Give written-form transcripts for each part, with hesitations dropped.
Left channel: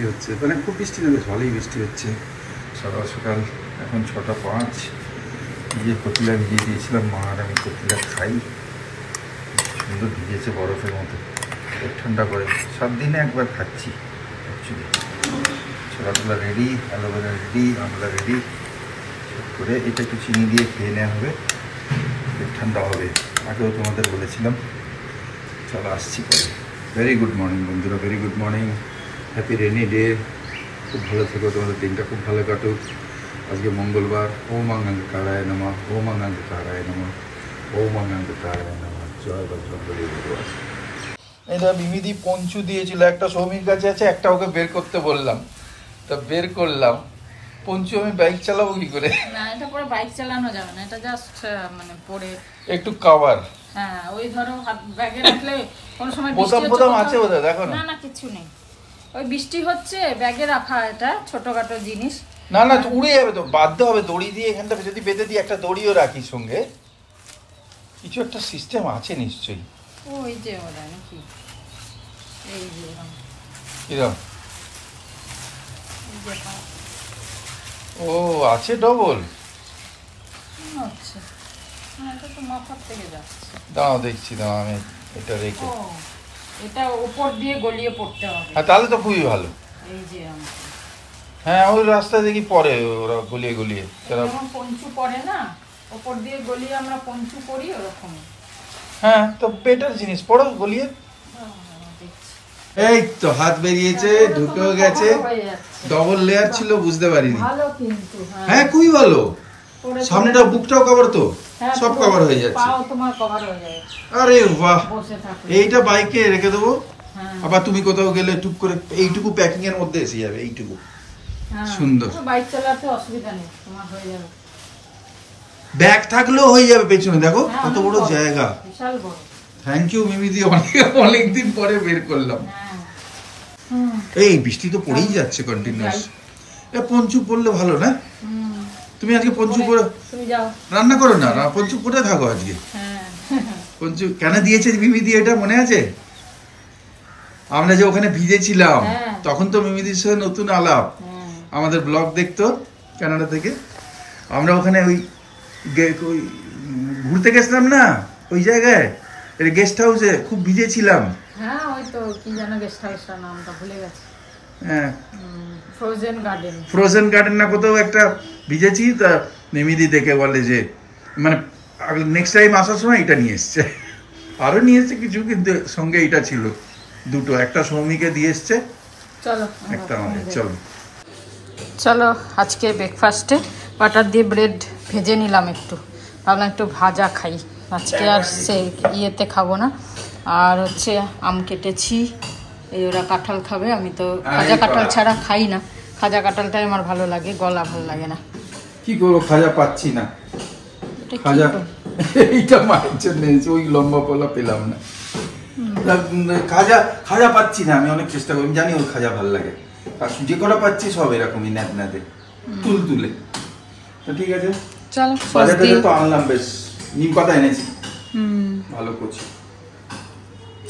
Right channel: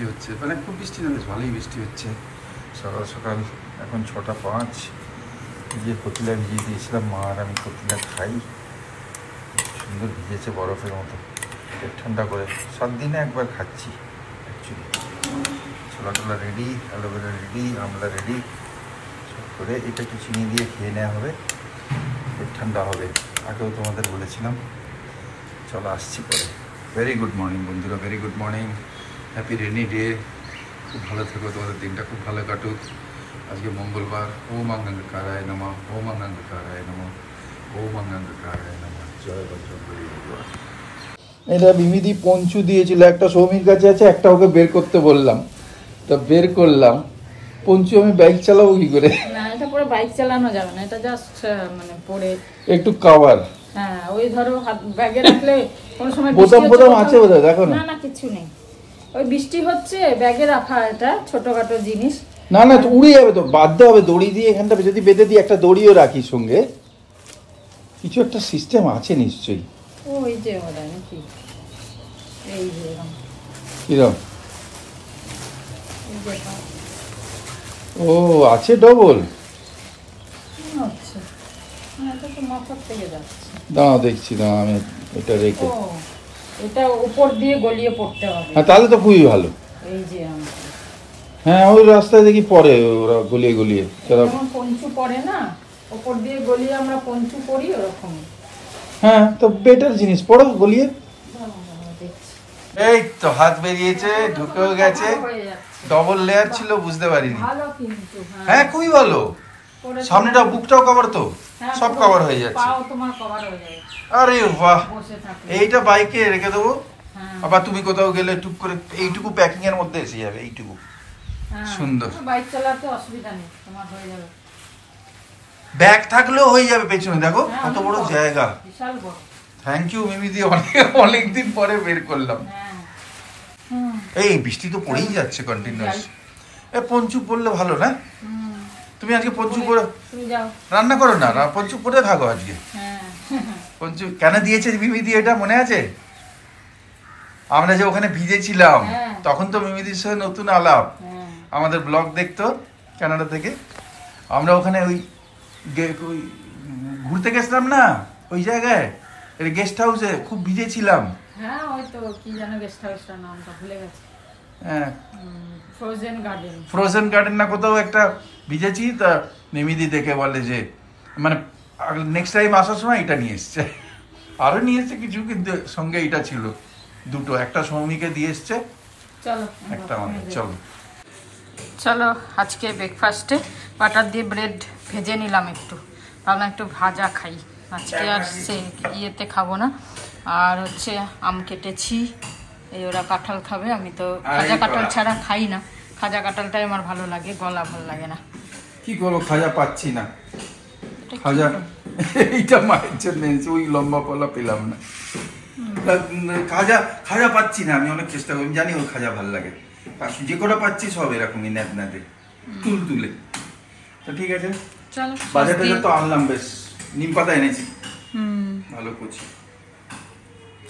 বৃষ্টি হচ্ছে, মানে খুব বৃষ্টি না, বেশ ভালোই বৃষ্টি হচ্ছে। সকাল সকাল এখন 6:05। গিয়ে কতিলা ভিজিয়ে দিয়েছিলাম, মা আর আমি কতিলা খাই। সুন্দর ভিজেছে বরফের মতো, পেট ঠান্ডা করে। 7 দিনে একবার খাচ্ছি অ্যাকচুয়ালি। ছোলা টোলা রেডি, অ্যালোভেরা রেডি, আমলা রেডি। সব করে এটা একটু চিনি দিয়ে খেয়ে নেওয়া হবে, পেট ঠান্ডা হবে। আগেও তোমাদের বলেছিলাম। চলো আসছি পরে। ভেরি গুড মর্নিং বন্ধুরা, very good morning. Happy rainy day. খুব ভালো থেকো, তোমাদের দিনটা খুব ভালো কাটুক। আজকে মঙ্গলবার। ওম অঙ্গাঙ্গকারায় নমঃ, ওম অঙ্গাঙ্গকারায় নমঃ, ওম অঙ্গাঙ্গকারায় নমঃ। জয় বজরঙ্গবলী ভগবান। এটা বিবিধি পঞ্চু দিয়েছিল, একটা সৌমির কাছে আছে, একটা ওকে বের করতে বললাম, তা বের করলাম। পঞ্চু আমি বাইক চালাবো কি করে? না, এটা পরে বাইক চালানো যাবে না, এটা জাস্ট মানে পরে একটু কভার। হ্যাঁ, ওই ধরো হাত ব্যাগে রাখলে কোনো সময় বোতাম বোতাম আছে বোধহয়, দেখো না। না, কিছু নেই। ওই বৃষ্টি হচ্ছে, ব্যাগে রাখা এটা ছোটখাটো জিনিস। না না, উড়ে যাবে তো, বাঁধতে হবে দড়ি দিয়ে। এখানটা যদি বেঁধে দিই, একটা দড়িও রাখি সঙ্গে, কিছু একটা সিস্টেম আছে নিশ্চয়ই। ওই যে ওটা নাকি, এই যে এরকম কিরকম? এই যে ও আছে ডবল। আচ্ছা, এটা তো মাথার থেকে যাচ্ছে। দাঁড়াও দেখছি, দাঁড়াও আমি এটা রেখে। ও, এটা উপর দিয়ে গলিয়ে পড়তে হবে। হ্যাঁ, তাহলে তো খুবই ভালো। এই যে হ্যাঁ, ওই রাস্তায় দেখি পরে ওরা গলিয়ে গলিয়ে, যেমন পঞ্চু পরে না, উপর দিয়ে গলিয়ে আমরা পঞ্চু করি ওরকম। হ্যাঁ, তো বেটার জিনিস, পড়ো গলিয়ে। এই তো হাত বেরিয়েছে, ঢুকেও গেছে। ডবল লেয়ার ছিল, বুঝতে পারিনি। ভালো কিন্তু, হ্যাঁ খুবই ভালো। সামনেটা বুকটাও কভার, তো সব কভার হয়ে যাচ্ছে। পাও তোমার কভার হয়ে যাবে। আরে বাহ, বসে থাকো। এইটা বাইকে রেখে দেবো, আবার তুমি কোথাও গেলে টুক করে এইটুকু প্যাকিং এর মধ্যে এসে যাবে। এইটুকু সুন্দর। বাইক চালাতে অসুবিধা নেই, তোমার হয়ে যাবে। ব্যাগ থাকলেও হয়ে যাবে পেছনে, দেখো কত বড় জায়গা, বিশাল বড়। থ্যাংক ইউ মিমিদি, অনেকদিন পরে বের করলাম। এই বৃষ্টি তো পড়েই যাচ্ছে কন্টিনিউয়াস। পঞ্চু পড়লে ভালো না? তুমি আজকে পঞ্চু পরে রান্না করো না, পঞ্চু পরে থাকো আজকে। পঞ্চু কেন দিয়েছে মিমিদি এটা মনে আছে? আমরা যে ওখানে ভিজেছিলাম, তখন তো মিমিদির সাথে নতুন আলাপ। আমাদের ব্লগ দেখতো কানাডা থেকে। আমরা ওখানে ওই ঘুরতে গেছিলাম না, ওই জায়গায় গেস্ট হাউসে, খুব ভিজেছিলাম। হ্যাঁ, ওই তো কি যেন গেস্ট হাউসটার নামটা ভুলে গেছি। হ্যাঁ, ফ্রোজেন গার্ডেন না কোথাও একটা ভিজেছি। তা মিমিদি দেখে বলে যে, মানে নেক্সট টাইম আসার সময় এটা নিয়ে এসছে। আরো নিয়ে এসছে কিছু, কিন্তু সঙ্গে এটা ছিল দুটো, একটা সৌমিকে দিয়ে এসছে, চলো একটা আমাদের। চলো চলো, আজকে ব্রেকফাস্টে বাটার দিয়ে ব্রেড ভেজে নিলাম একটু, ভাবলাম একটু ভাজা খাই আজকে, আর সে ইয়েতে খাবো না। আর হচ্ছে আম কেটেছি, এই ওরা কাঁঠাল খাবে, আমি তো খাজা কাঁঠাল ছাড়া খাই না। খাজা কাঁঠালটাই আমার ভালো লাগে, গলা ভালো লাগে না। কি করবো, খাজা পাচ্ছি না। খাজা এইটা মায়ের জন্য ওই লম্বা পলা পেলাম না। খাজা খাজা পাচ্ছি না, আমি অনেক চেষ্টা করি, জানি ওর খাজা ভালো লাগে। যে কটা পাচ্ছি সব এরকমই ন্যাদ ন্যাদে তুল তুলে। তো ঠিক আছে, চলো। বাজার থেকে তো আনলাম, বেশ নিম পাতা এনেছি, ভালো করছি।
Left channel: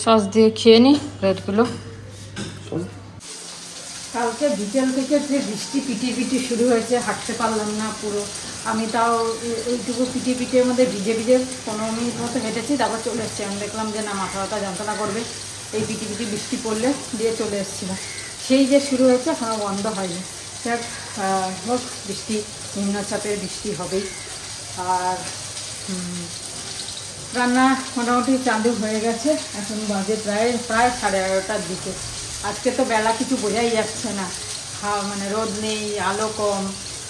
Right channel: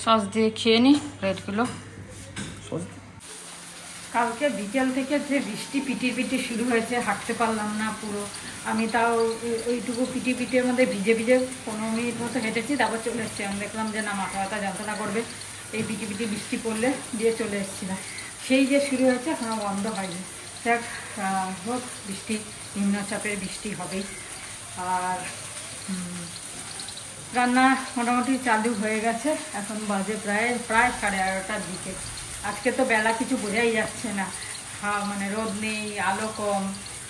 সস দিয়ে খেয়ে নি ব্রেডগুলো। কালকে বিকেল থেকে যে বৃষ্টি পিটি শুরু হয়েছে, হাঁটতে পারলাম না পুরো। আমি তাও এইটুকু পিটির মধ্যে ভিজে 15 মিনিট মতো হেঁটেছি, তারপর চলে এসছি। আমি দেখলাম যে না, মাথা ব্যথা যন্ত্রণা করবে এই পিটি বৃষ্টি পড়লে, দিয়ে চলে এসেছিলাম। সেই যে শুরু হয়েছে, এখনও বন্ধ হয়নি। দেখ হোক, বৃষ্টি নিম্নচাপের বৃষ্টি হবেই। আর রান্না মোটামুটি চালু হয়ে গেছে, এখন বাজে প্রায় 11:30টার দিকে। আজকে তো বেলা কিছু বোঝাই যাচ্ছে না, মানে রোদ নেই, আলো কম,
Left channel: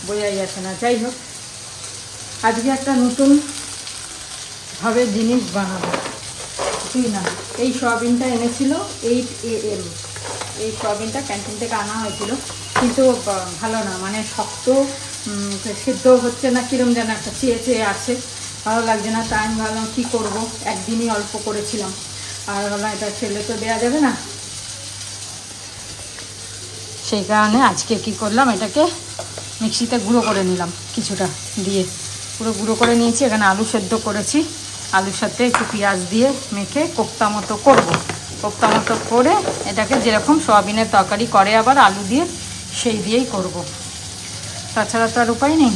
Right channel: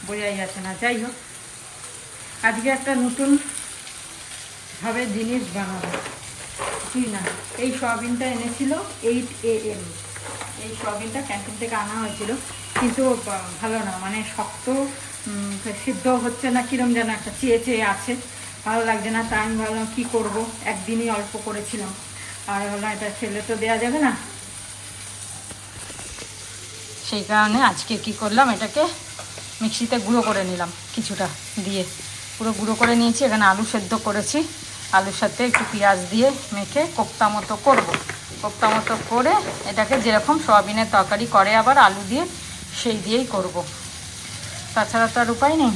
বোঝাই যাচ্ছে না। যাই হোক, আজকে একটা নতুন ভাবে জিনিস বানাবো। কিছুই না, এই সয়াবিনটা এনেছিল 8 AM, এই সয়াবিনটা ক্যান্টিন থেকে আনা হয়েছিল, কিন্তু ভালো না, মানে শক্ত, সিদ্ধ হচ্ছে না, কিরম যেন একটা চেয়ে আছে, ভালো লাগছে না। তাই আমি ভাবলাম কী করবো, একদিনই অল্প করেছিলাম, আর ভাবলাম এটা ফেলে তো দেওয়া যাবে না। সেই কারণে আজকে কি করলাম, এটাকে মিক্সিতে গুঁড়ো করে নিলাম, কিছুটা দিয়ে পুরো গুঁড়ো করে নিয়েছি। এখানে আলু সেদ্ধ করেছি, আলুর সাথে একটু পেঁয়াজ দিয়ে মেখে কোপ্তা মতো করব। কোপ্তা মতো করে এটাকে যেরকম সয়াবিনের তরকারি করে আবার আলু দিয়ে সেই দিয়েই করব। তাছাড়া তো আর উপায় নেই।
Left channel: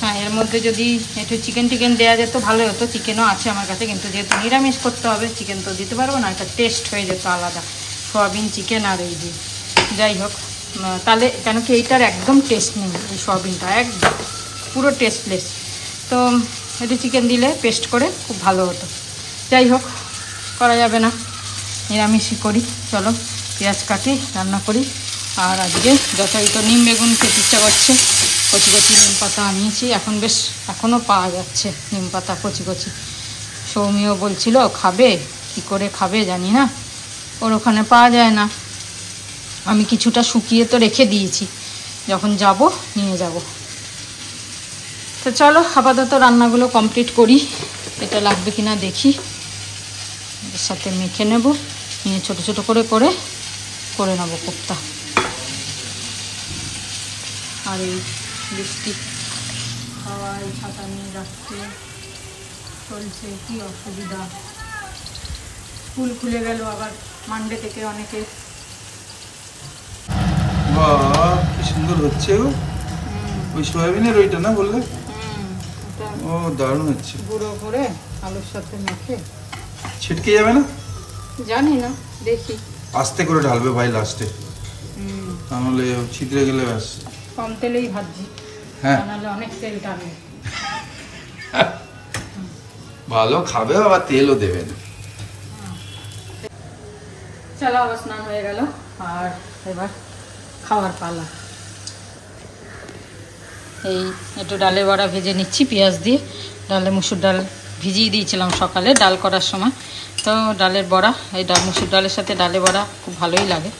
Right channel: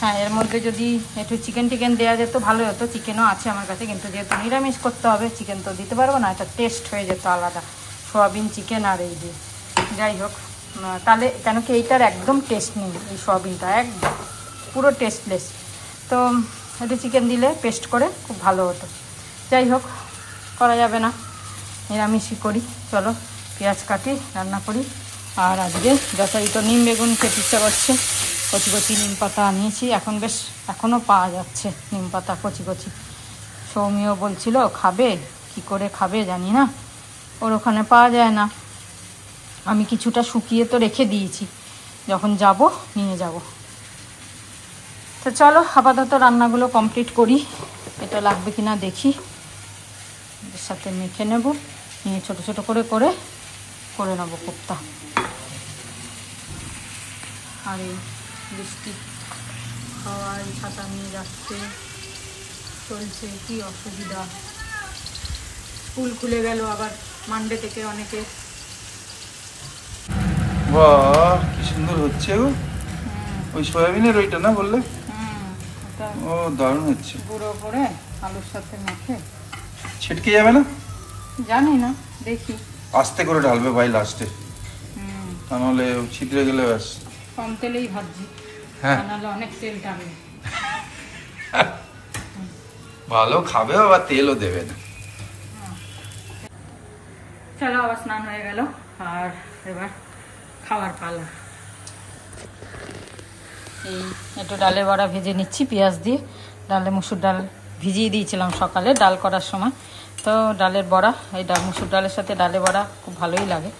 হ্যাঁ, এর মধ্যে যদি একটু চিকেন দেওয়া যেত ভালো হতো। চিকেনও আছে আমার কাছে, কিন্তু যেহেতু নিরামিষ করতে হবে চিকেন তো দিতে পারবো না, এটা টেস্ট হয়ে যেত আলাদা, সয়াবিন চিকেন আর এই দিয়ে। যাই হোক, তাহলে কেন কি এইটার একদম টেস্ট নেই, এই সয়াবিনটা একদম পুরো টেস্টলেস। তো একটু চিকেন দিলে পেস্ট করে খুব ভালো হতো। যাই হোক, করা যাবে না, নিরামিষই করি। চলো পেঁয়াজ কাটি, রান্না করি। আর আজকে যথারীত নিম বেগুন খেতে ইচ্ছা করছে। কচি কচি নিম পাতা আনিয়েছি, এখনও পাওয়া যাচ্ছে নিম পাতা কচি কচি। সৌমিও বলছিল খাবে, কি করে খাবে জানি না, ওর ওখানে পাওয়া যায় না। আমি কিছুটা শুকিয়ে তো রেখে দিয়েছি, যখন যাব নিয়ে যাব। তো চলো আপাতত রান্নাগুলো কমপ্লিট করি, এটা লাগবে কিনা দেখি। এর সাথে মেখে নেব, নিয়ে ছোট ছোট করে নেব কোপ্তা। আর এই বৃষ্টি হাওয়ায় ছাতা নিয়ে যাচ্ছে, চলছে, কি অসুবিধা। স্কুল খুলে গেল আবার মানডে থেকে অনেকে। বাহ, কি সুন্দর হচ্ছে গো। ওই সয়াবিনের ওইটা না বললে? ও দারুণ হচ্ছে। গুঁড়ো করে আলুর সাথে মেখে। ছিটকে যাবে না? জানি না, দেখি। আস্তে করে ঢালবে ভাই লাস্টে, তাহলে ছিদ্রে গেলে ব্যাস। কম তেলেই ভাজছি, হ্যাঁ, নাহলে অনেক তেল টানবে। ভালো খাবে, আবার তেলও দেবে না। চলো, আবার স্নান হয়ে গেল, আর এবার খাওয়ার পালা। এই একটু ডালে বড়া ভেজে নিচ্ছি পেঁয়াজ দিয়ে। ডালে মুসুর ডাল ভিজিয়ে দিয়েছিলাম সকালে ডাল করার সময়, তো ডালের বড়া, এই মুসুর ডালের সাথে ডালে বড়া খুব ভালোই লাগে।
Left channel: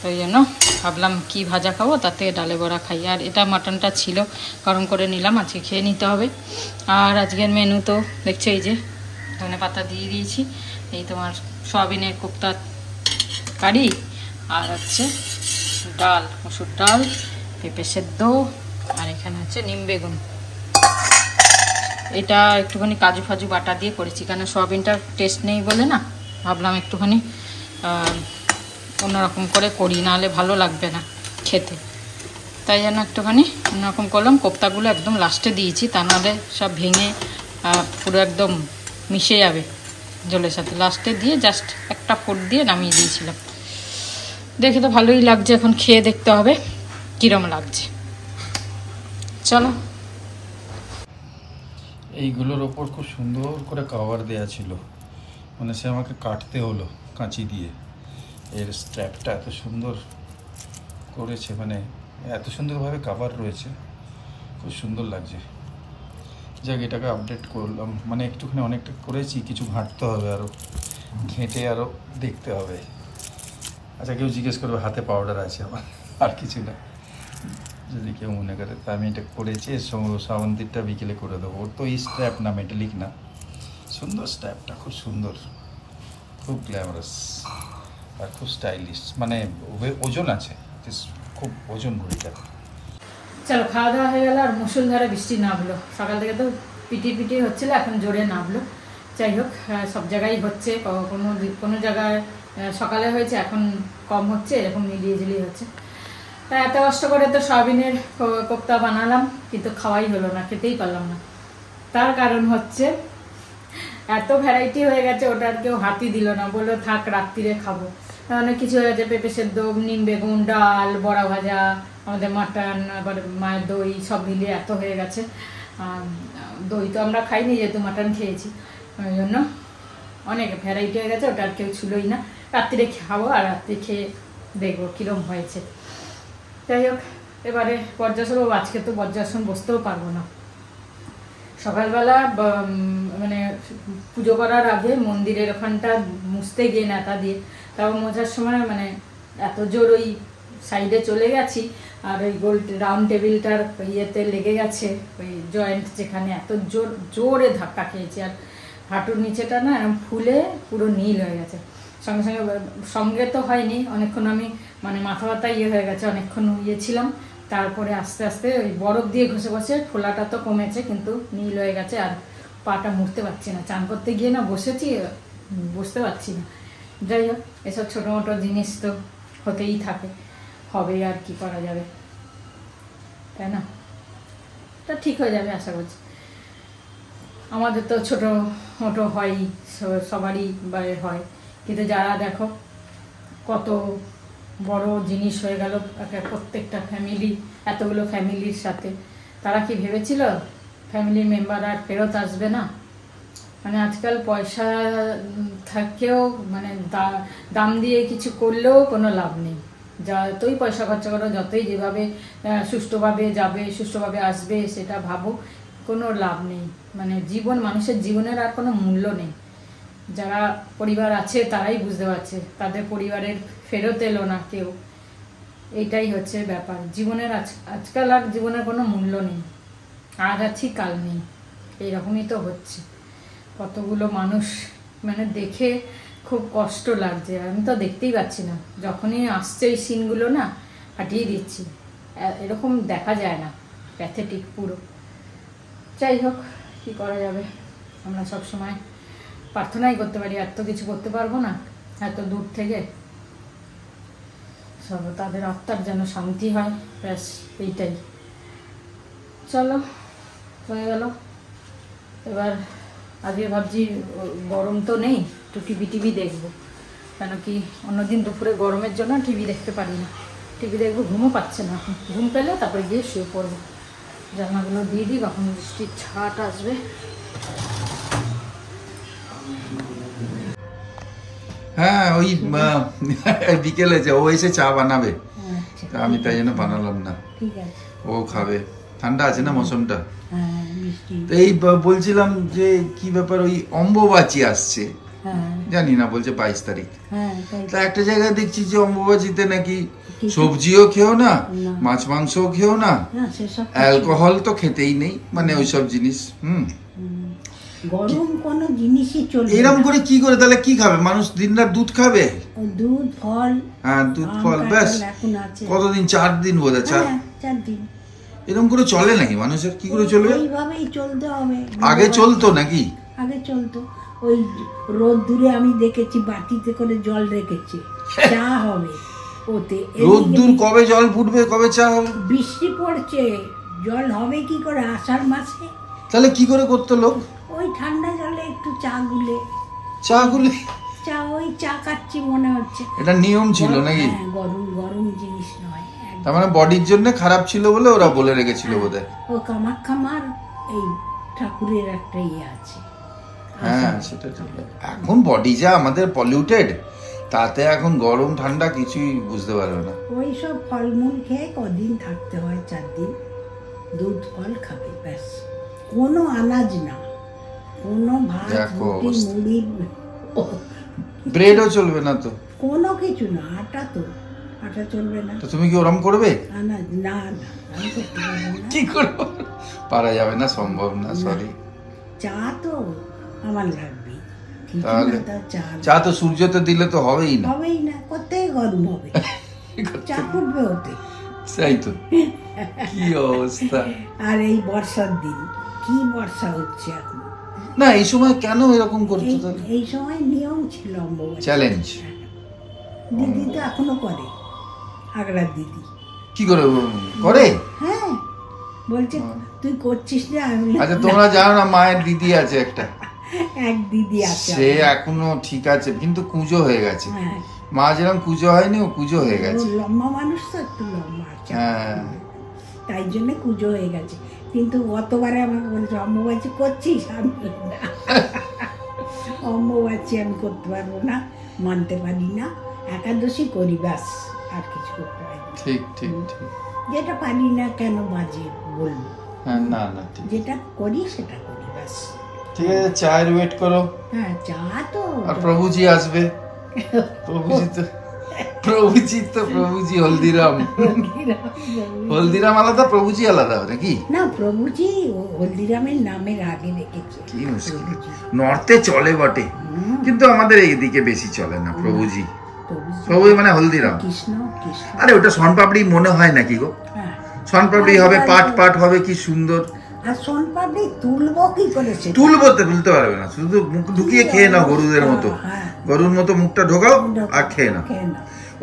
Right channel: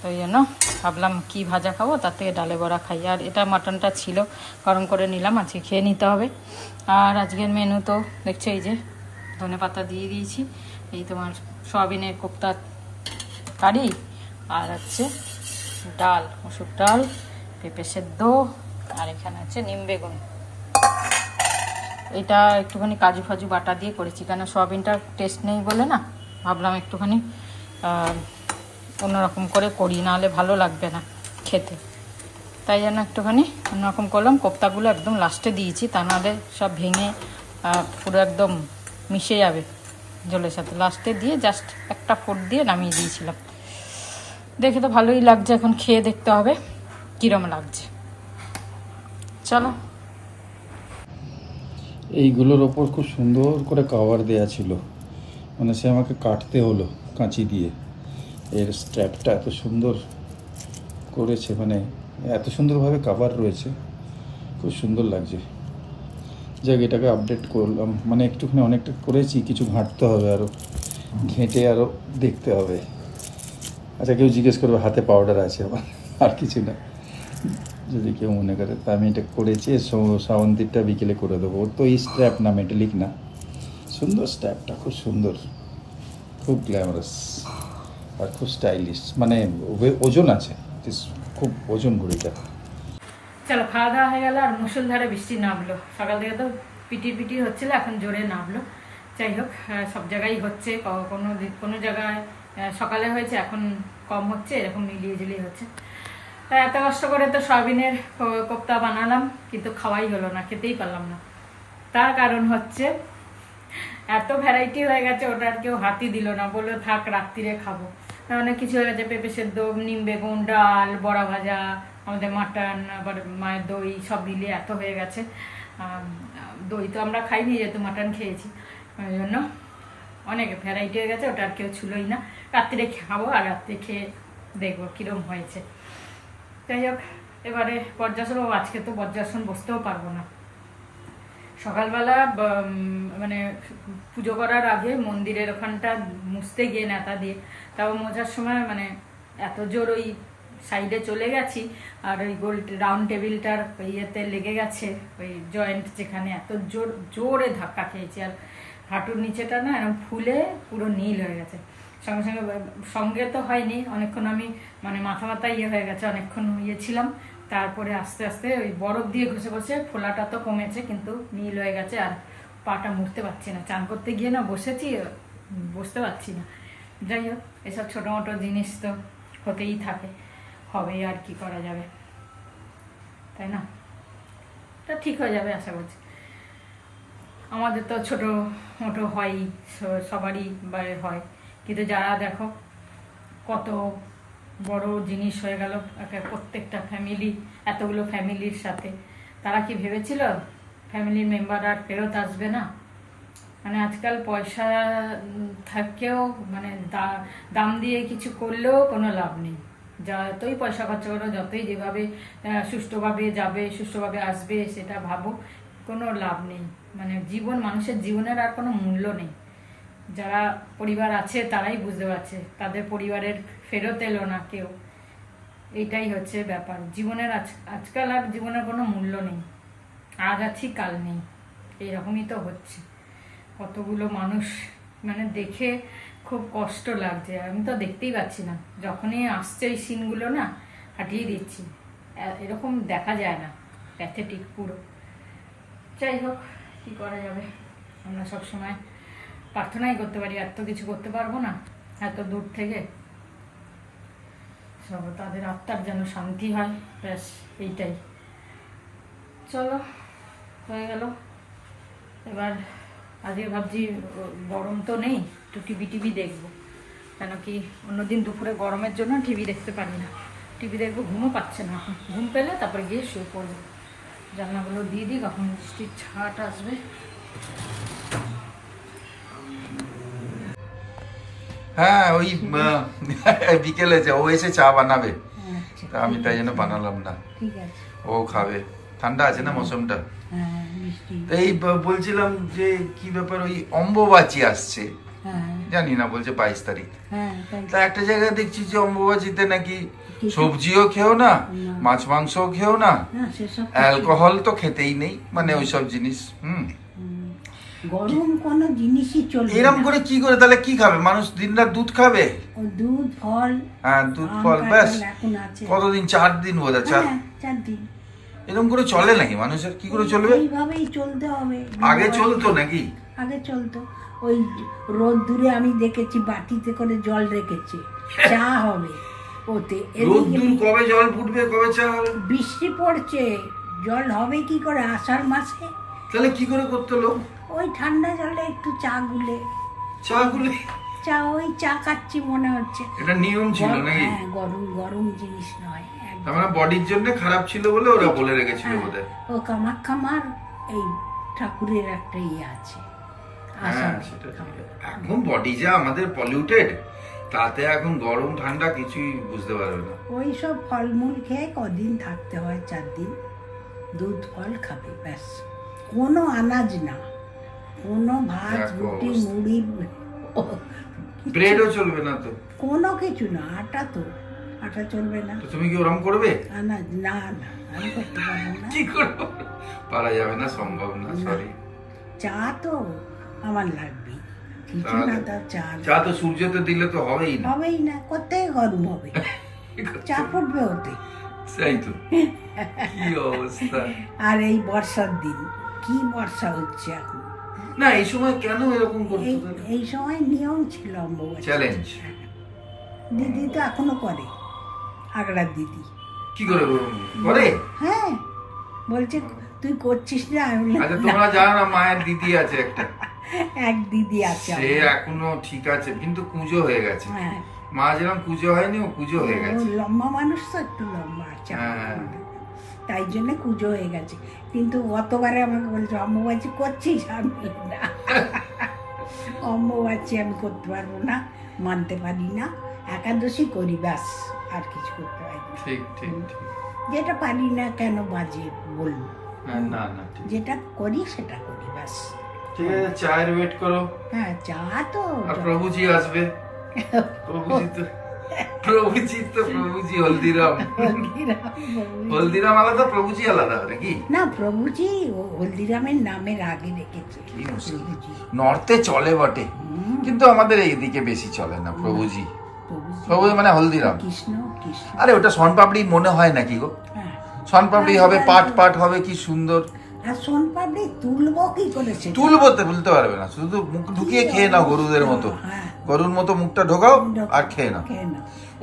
তো এই জন্য ভাবলাম কি ভাজা খাবো, তার থেকে ডালে বড়া খাই। আর এটা মাটনটা ছিল, গরম করে নিলাম, আজকে খেয়ে নিতে হবে। আর আজকের মেনু তো দেখছো, এই যে ধনে পাতা দিয়ে দিয়েছি, এই তোমার সয়াবিনের কোপ্তা কারি, আর হচ্ছে ডাল, মুসুর ডাল, পেঁপে সেদ্ধ, আর এখানে হচ্ছে নিম বেগুন। এটা একটুখানি কাজু ফাজু বাটা দিয়ে করেছি, কেন সয়াবিনটার টেস্ট নেই বলে না, ভাবলাম একটুখানি অন্যরকম করে করি, নাহলে ভালো লাগবে না খেতে। তাই জন্য একটুখানি অন্যরকম করলাম। কোপ্তাগুলো একদম লাস্টে দিয়েছি, তা নাহলে সব ভেঙে পুরো একদম মিশে যাবে জলের সাথে। লাস্টে দিয়ে জাস্ট একটা ফোড় দিয়ে নামিয়ে দিয়েছিলাম। দেখে তো ভালোই লাগছে, এখন খেয়ে দেখতে হবে কীরকম লাগছে। চলো। এইগুলোর ওপর খুব সুন্দর করে কভার দেয়া ছিল, মানে সে আমাকে কাটতে হলো কাঁচি দিয়ে। এর স্ট্র্যাপটা এত সুন্দর করেছে, মানে এত সুন্দরভাবে কভার রয়েছে, খুব সুন্দর লাগছে। যাক, এটাকে আপডেট করলাম, মানে একটুখানি অনেকটা করেছি, কিছু ঘাঁটতে হবে, আরও ঘেঁটে আরও দেখতে হবে। আচ্ছা, কেউ জিজ্ঞেস করবে হাতে পাউডার আছে আমার, আর কিছু না, যদি কেউ মনে করে। তা আমি এটা করেছি, শ্রাবন্তীরটা বিকেলে করে দেবো। ওর তো এই স্ট্র্যাপ না, মেটালিক না, সুন্দর স্ট্র্যাপটা, খুব সুন্দর, খুব গ্ল্যামারাস আর খুব স্টাইলিশ, মানে ওজন আছে, খুব ওজন ঘুরিটা। চলো, খাওয়া দাওয়া হয়ে গেল, আর মুষলধারে বৃষ্টি নামলো। সকাল থেকে তো পিটির হচ্ছিল, এখন জোরে নামলো। যাই হোক, সব জায়গায় হচ্ছে, কোনো জায়গায় সকালে হয়েছে, এখন কম হচ্ছে, এরকম মিলিয়ে ঝুলিয়ে হচ্ছে। তা এত কষ্ট করে তো সয়াবিনের কোপ্তা বানালাম, কিন্তু খাওয়াই হলো না, খেতেই পারলাম না। তার কারণ হচ্ছে এত ভ্যারাইটি হয়ে গেছে, ওটা আর কেউ হাতই দিল না, বললো থাক রাত্রিরে খাবো। অনেক কিছু হয়ে গেছে, পেঁপে সেদ্ধ, নিম বেগুন, ডাল, বড়া ভাজা, আমাদের মাটন, আবার মায়ের দই, সব মিলিয়ে এত হয়ে গেছে। দই তো আমরা খাইনি, যেহেতু মাটন খেয়েছি, ওই জন্য অনেক ভ্যারাইটি হয়ে গেছে, ওটা আর কেউ ছুলোই না। রাত্রিরে খাবো, আর রাত্রে খেয়ে দেখবো কীরকম হয়েছে। যাই হোক, এবারে বজ্রাসন, আজকে তো বজ্রাসন বসতেও পারবো না। সকালবেলা মানে পুজো করার আগে মন্দিরের ওখানটা মুছতে গিয়ে নেতা দিয়ে, তাও মোছার সময় মানে এত জোর ওই সাইডে চলে গেছি, আর ওই গোল রাউন্ড টেবিলটার ইয়েতে লেগে গেছে, ওই জয়েন্ট যেখানে, এত জোরে ধাক্কা খেয়েছি। আর হাঁটুর নিচেটা না এরকম ফুলে পুরো নীল হয়ে গেছে। সঙ্গে তো হয়নি, অনেকক্ষণ আমি মানে মাথা ব্যথা হয়ে গেছে, অনেকক্ষণ ছিলাম। তারপরে আস্তে আস্তে ওই বরফ দিয়ে ঘষে ঘষে ফোলাটা তো কমেছে, কিন্তু নীল হয়ে গেছে। আর পাটা মুড়তে পারছি না, চান করতে গিয়ে না বসেছি, বসতে পারছি না, যাই হোক, এসব ছোটো মোটো জিনিস তো হতেই থাকে, হবে আর কি করা যাবে, তাই না? তা ঠিক হয়ে যাবে আশা করছি। আমাদের তো ছোটো মোটো হয়ই, সবারই বাইরে হয়, কিন্তু যারা দেখো কত বড় জিনিস হয়ে গেল প্রত্যেকটা ফ্যামিলি, এতগুলো ফ্যামিলির সাথে, তারা কি ভেবেছিল ফ্যামিলির মেম্বার আর ফেরত আসবে না? মানে আজকাল পয়সা থাকেও মানে দাম দিয়ে কিছু করলেও কোনো লাভ নেই। যতই পয়সা খরচা করো, যতই যেভাবে সুষ্ঠুভাবে যাবে, সুষ্ঠুভাবে আসবে, সেটা ভাবো, কোনো লাভ নেই। মানে মানুষের জীবনের আর কোনো মূল্য নেই। যারা পরিবার আছে তারাই বুঝতে পারছে, তাদের পরিবারের ফেরত এলো না কেউ, এইটাই হচ্ছে ব্যাপার। জীবনের আজকাল আর জীবনের কোনো মূল্য নেই, আজ আছি কাল নেই, এইরকমই তো হচ্ছে। কতগুলো মানুষ মানে দেখে খুব কষ্ট লাগছে, আমি তো দেখতেই পাচ্ছি না, যখনই আসছে এই সিনগুলো না হাঁটিয়ে দিচ্ছি, এরকম দেখা যায় না, প্যাথেটিক পুরো। যাই হোক, কী করা যাবে, আমরা সবসময় প্রার্থনাই করতে পারি, এত কিছু করতে পারবো না, এত দূর থেকে। সব তাদের আত্মার যেন শান্তি হয়, ব্যাস এইটাই। চলো, হয়ে গেল। এবার আজকে ভাবছি গরম তো নেই, একটু টিভি দেখবো, কেন কি অন্যদিন দুপুরে গরমের জন্য টিভি দেখতে পারি না। টিভি দেখবো, ঘুমও পাচ্ছে না এখন, ঘুম পেলে তারপরে গিয়ে শুয়ে পড়বো। জানলাগুলো দিয়ে দিই, কখন বৃষ্টির ছাট আসবে। হ্যাঁ, ওই বিকেলে যে ও এসে চা বানাবে, তা আমি তাই জন্য বানালাম না, ও খাবে। ঠান্ডা আছে না মৌসুমটা। এই বলছিলাম যে কি ব্যাপার, ওই অম্বুবাচী আসছে, জানি না, বলছে 22 তারিখ। তা একটা জায়গায় দেখছি যে অম্বুবাচীতে নাকি সবজিও খেও না, মাছ মাংসও খেও না, অ্যালকোহল তো খেতেই নেই, মানে ওইসব জিনিস। গরম কোন জিনিসই চলবে এরকম করে কি করে তাহলে কি খাবে মানুষ? দিনরাত দুধ খাবে, দুধ ফল। হ্যাঁ, দুধ ফল, ব্যাস। কতদিন? 4 দিন বোধ হয়, 4 দিন। এরকম করে চলে নাকি মানুষের? কি করে চলবে? এইভাবেই চলতে হবে। আগে চলতো নাকি? আগে চলতো, ওই রোদ দূরে আমি দেখেছি বাটিতে করে জল রেখেছে, চা হবে ওতে। রোদ দূর কবে জল ফুটবে, কবে চা হবে? বৃষ্টি পড়ছে, জল হবে কি করে আষাঢ় মাসে? তাহলে কি করে করতো লোক? ওই ঠান্ডা জলে একটু চা গুলে ওই চা খাচ্ছি মনে হচ্ছে। এটা নিয়ম ছিল নাকি? গরম গরম জিনিস নয়, তার মানে বডির জন্য খারাপ ছিল বলে ওরা বলে রেখেছিল বোধহয়। ও কামাখ্যামার এই ঠাকুরের একটা ইয়ে আছে। হ্যাঁ, সেটা ঠিক। এখন বডি যা আমাদের পলিউটেড, তাতে এখন গরম ঠান্ডা কিছুই বুঝতে পারবে না। ওই সব ফলমূল খেয়ে কদিন থাকতে হয়, 4 দিন দুধ ফল খাবে, ব্যাস। কোনো আনাজ না, কোনো ভাত রুটি মুড়ি, ব্রেডও চলবে না তো, কোনো কিছু না। আটা চলবে না। তো তুমি কি ওরম করবে? আনাজ না, আমি করতে পারবো না। কি করবো? পারা যাবে না, সম্ভব না, সরি। চা তো আমার লাগবেই, চা তো সূর্যতে দিলে তো হবেই না, কোথায় গরম হবে, চা ফুটবে ওতে। সেই তো, কি অবস্থা। আর এই বর্ষার দিন, কি বর্ষা হচ্ছে এখন। না, এই সময় কেন এরকম করছো? এই সময় নিয়ম ছিল অম্বুবাচী চ্যালেঞ্জ। দিদি তো এখনো করে, আগড়ার দিদি। কি করে করে? হ্যাঁ, বলছে তুই করছিস না। আচ্ছা, তোমরা জানো না মায়ের দিদি আছে একটা, এক দিদি আছে, সে এখনো ঠিক আছে, কিন্তু কুঁজো হয়ে গেছে। মা যেরকম কুঁজো হয়নি, ও কুঁজো হয়ে গেছে। লম্বা মানুষ তো, একটু লম্বা আছে, তাই জন্য কুঁজো হয়ে গেছে। কিন্তু গতবারে আমাকে বলছে অম্বুবাচী করছিস, আমি না, অম্বুবাচী আমি করতে পারবো না, মানতে পারি না। একাদশী করি, ব্যাস, আর কিছু করতে পারি না। ঠিক ঠিক ঠিক। যেটা পারি না কেন বাজে বলবো, না, যেটা করি সেটা করি, ব্যাস। ঠিক আছে, চায়ের ওয়েট করো। হ্যাঁ, চা তো। আর প্রভুজি আসবে, প্রভুজি হলদিরাম আলাদা, প্রভুজি আলাদা নাকি? না, প্রভুজি হলদিরামের নামের আগে রেখেছে। কি মুশকিল, নর্থে চলে বটে, কিন্তু আমাদের এইদিকে বেশি চলে না প্রভুজি। প্রভু মানে হলদিরাম, কৃষ্ণ। আরে ওটা শনপাপড়ি মনে হয় নাকি গো? শনপাপড়ি হবে, পাট হবে, কি সুন্দর। আর সোনপাপড়ি তুলবো কি করে সেটা? তুলতে পারবে না, শুধু মুখ ঢুকিয়ে খেয়ে নাও গরুদের মতো। হ্যাঁ। গরুর মতো মুখটা ঢোকাও আর খেয়ে নাও।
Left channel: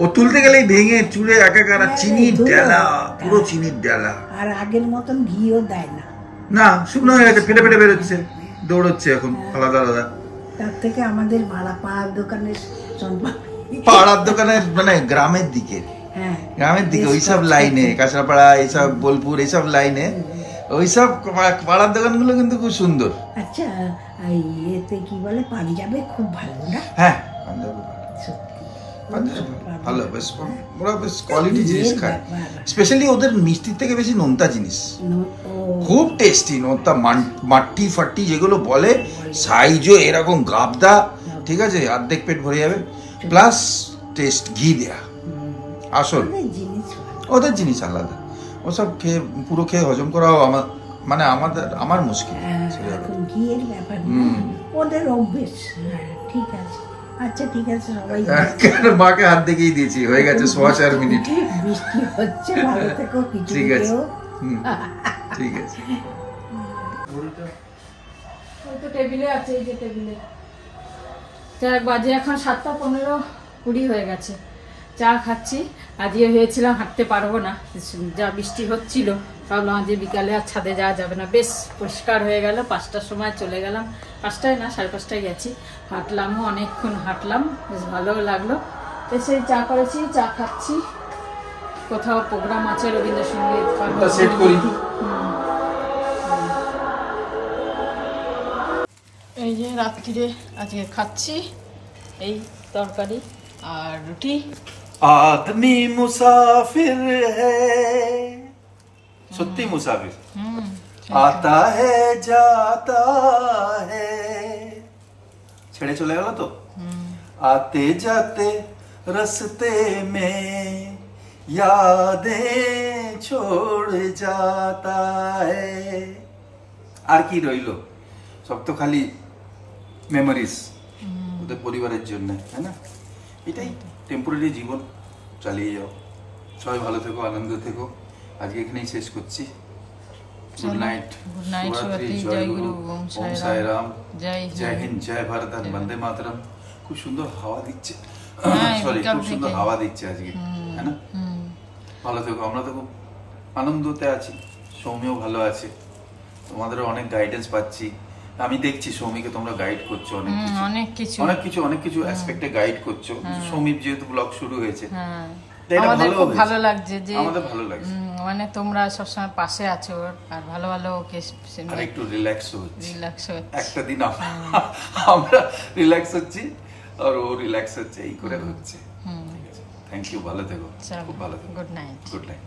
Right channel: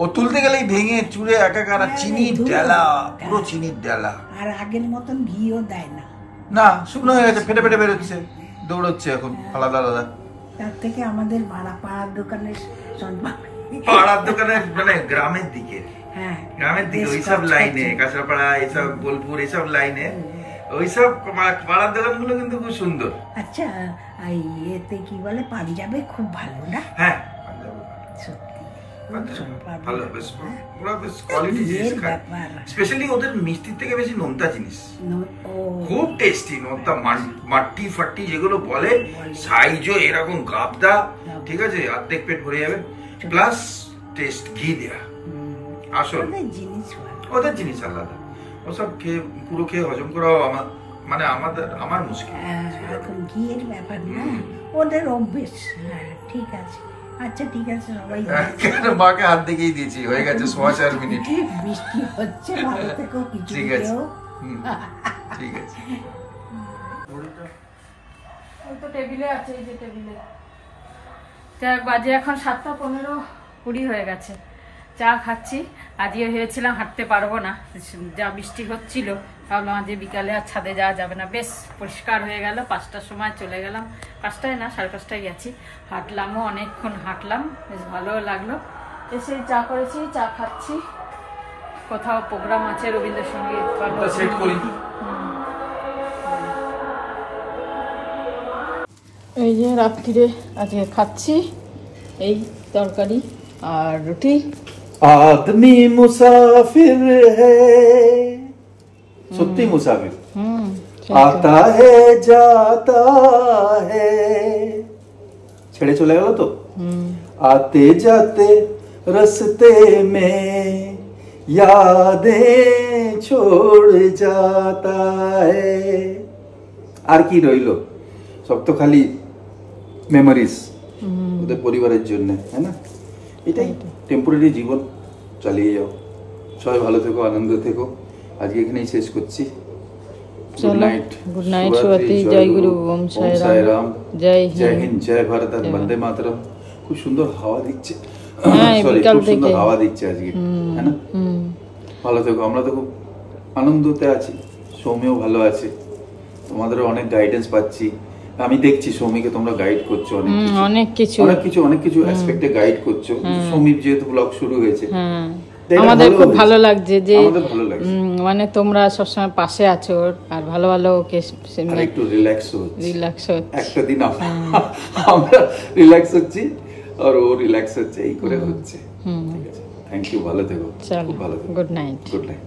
ও তুলতে গেলেই ভেঙে চুড়ে একাকার, চিনির ডালা, পুরো চিনির ডালা। আর আগের মতন ঘিও দেয় না। না, শুকনো হয়ে গেছে, ফেটে ফেটে বেরোচ্ছে, দৌড়চ্ছে এখন আলাদা আলাদা। তার থেকে আমাদের পাড়ার দোকানের সোনপাপড়ি, পাড়ার দোকানের মানে গ্রামের দিকে, হ্যাঁ গ্রামের দিকে ওইসব লাইনে, কাঁচরাপাড়া এইসব, বোলপুর এইসব লাইনে ওইসব পাড়ার দোকানগুলো কিন্তু খুব সুন্দর। আচ্ছা, এই এতে কি বলে, পাঞ্জাবে খুব ভালো না? হ্যাঁ, পাঞ্জাবে সত্যি ভালো, বেশ ওরা বেশ কোয়ালিটি জিনিস খায়। স্পেশালি ওদের মিষ্টির থেকে বেশি নোনতা জিনিস খুব টেস্টি। নোনতা মাটি ফাটি যেগুলো বলে, সাইজও এরকম গাবদা, ঠিক আছে, অর্ধেক পেট ভরে যাবে, প্লাস টেস্ট ঘি দেয়া আসল। ওদের জিনিস আলাদা, ওসব খেয়ে পুরো খেয়ে হজম করাও আমার মুশকিল। এখন ঘিয়ের ব্যাপার না, ওদের অভ্যেস। হ্যাঁ ঠিক আছে, আচ্ছা ঠিক আছে, সবাই মাকে হাত দেখেই দিয়েছি, হয়ে গেছে 4 মিনিট। বৃষ্টি হচ্ছে, ভালো থেকো, কিছু ঠিক আছে, ঠিক আছে। ওই তো টেবিলে আছে, এই যে টেবিলে। চা বাজে এখন 7:15-20 হয়ে গেছে। চা খাচ্ছি। আজকে ভেবেছিলাম হাঁটতে পারবো না, যা বৃষ্টি হচ্ছিল, ভাবলাম আজকে বিকালে আর ছাদে যাওয়া যাবে না। বেশ পরিষ্কার হয়ে গেল, 5টার সময় চলে গেলাম, 5টায় না 5:30টায় গেছি। হাঁটলামও, অনেকক্ষণ হাঁটলাম, বেশ ভালো লাগলো। এসে চা করেছি, চা খাচ্ছি। কোথাও প্রোগ্রাম আছে রবীন্দ্রসঙ্গীত, এই যে রাত্রিরে আজকে খাচ্ছি এই তরকারি আর রুটি। আদমি মুসাফির হ্যায়, সত্যি মুসাফির, আতা হ্যায় জাতা হ্যায়, ছেড়ে চলে গেল তো। আতে যাতে রাস্তে মে यादें छोड़ जाता है। আর কি রইলো, সব তো খালি মেমোরিজ ওদের পরিবারের জন্য, তাই না? এটাই টেম্পোরারি জীবন, চালিয়ে যাও। সবাই ভালো থেকো, আনন্দ থেকো। আজকে এখানেই শেষ করছি। গুড নাইট, গুড নাইট, শুভরাত্রি, জয় গুরু, ওম সাই রাম, জয় হিন্দ, জয় ভারত, বন্দে মাতরম। খুব সুন্দর হাওয়া দিচ্ছে, সরি, খুব সুন্দর হাওয়া দিচ্ছে আজকে, তাই না? ভালো থেকো, আমরা তো খুব আনন্দতে আছি, সৌম্যও ভালো আছে, তোমাদেরও অনেক গাইডেন্স পাচ্ছি। আমি দেখছি সৌমিকে তোমরা গাইড করছো অনেক কিছু অ্যাসপেক্টে গাইড করছো। সৌমির যেহেতু ব্লগ শুরু হয়েছে, আমাদের খুব ভালো লাগছে যে আমাদের ভালো লাগছে, মানে তোমরা সবসময় পাশে আছো আর ভালো ভালো ওকে একটু রিল্যাক্স হচ্ছে। একটা দিন আমরা রিল্যাক্স হচ্ছি আর ও রিল্যাক্স হচ্ছে, এই করে হচ্ছে। ঠিক আছে, থ্যাংক ইউ, ভালো থেকো, খুব ভালো থেকো। Good night, good night.